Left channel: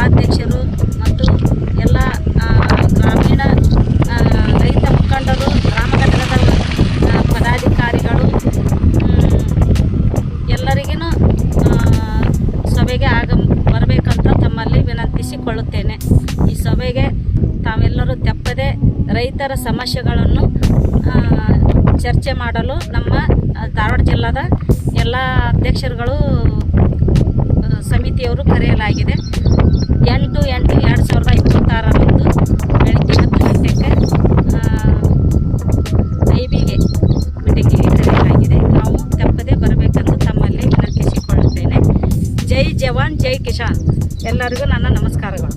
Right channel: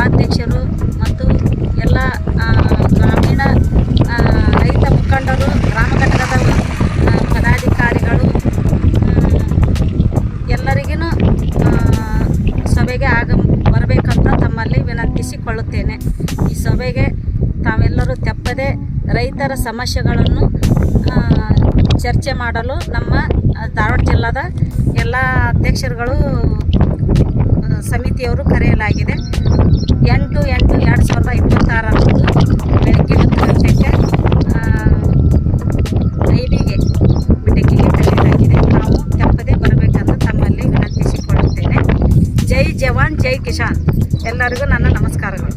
ಉಪಾಧ್ಯಕ್ಷರು ಮತ್ತು ಎಲ್ಲ ಗ್ರಾಮೀಣ ರೈತ ಮುಖಂಡರು, ಗ್ರಾಮ ಘಟಕದ ಪದಾಧಿಕಾರಿಗಳು ಎಲ್ಲರಿಗೂ ಸಭೆಗೆ ಬರಬೇಕಂತ ತಮ್ಮಲ್ಲಿ ವಿನಂತಿಸಿಕೊಳ್ಳುತ್ತೇನೆ. ಈ ಸಭೆಗೆ ತಾವೆಲ್ಲರೂ ತಪ್ಪದೆ ರೈತರ ಸಮಸ್ಯೆಗಳನ್ನು ಚರ್ಚೆ ಮಾಡಲು ನಮ್ಮ ಧಾರವಾಡ ಜಿಲ್ಲಾದ ಎಲ್ಲ ಅಧ್ಯಕ್ಷರುಗಳು ಸಮಿತಿಯವರು ಕರೆಯಲಾಗಿದೆ. 8/8/2026 ಬೆಳಗ್ಗೆ 10 ಗಂಟೆಗೆ ಐಬಿಗೆ ಮೀಟಿಂಗಿಗೆ ಕರೆಯಲಾಗಿದೆ. ನಾವು ತಪ್ಪದೆ ಬರಬೇಕೆಂದು ತಮ್ಮಲ್ಲಿ ವಿನಂತಿಸಿಕೊಳ್ಳುತ್ತೇನೆ. ಜೈ ಜವಾನ್ ಜೈ ಕಿಸಾನ್. ಎಲ್ಲರಿಗೂ ನನ್ನ ನಮಸ್ಕಾರಗಳು.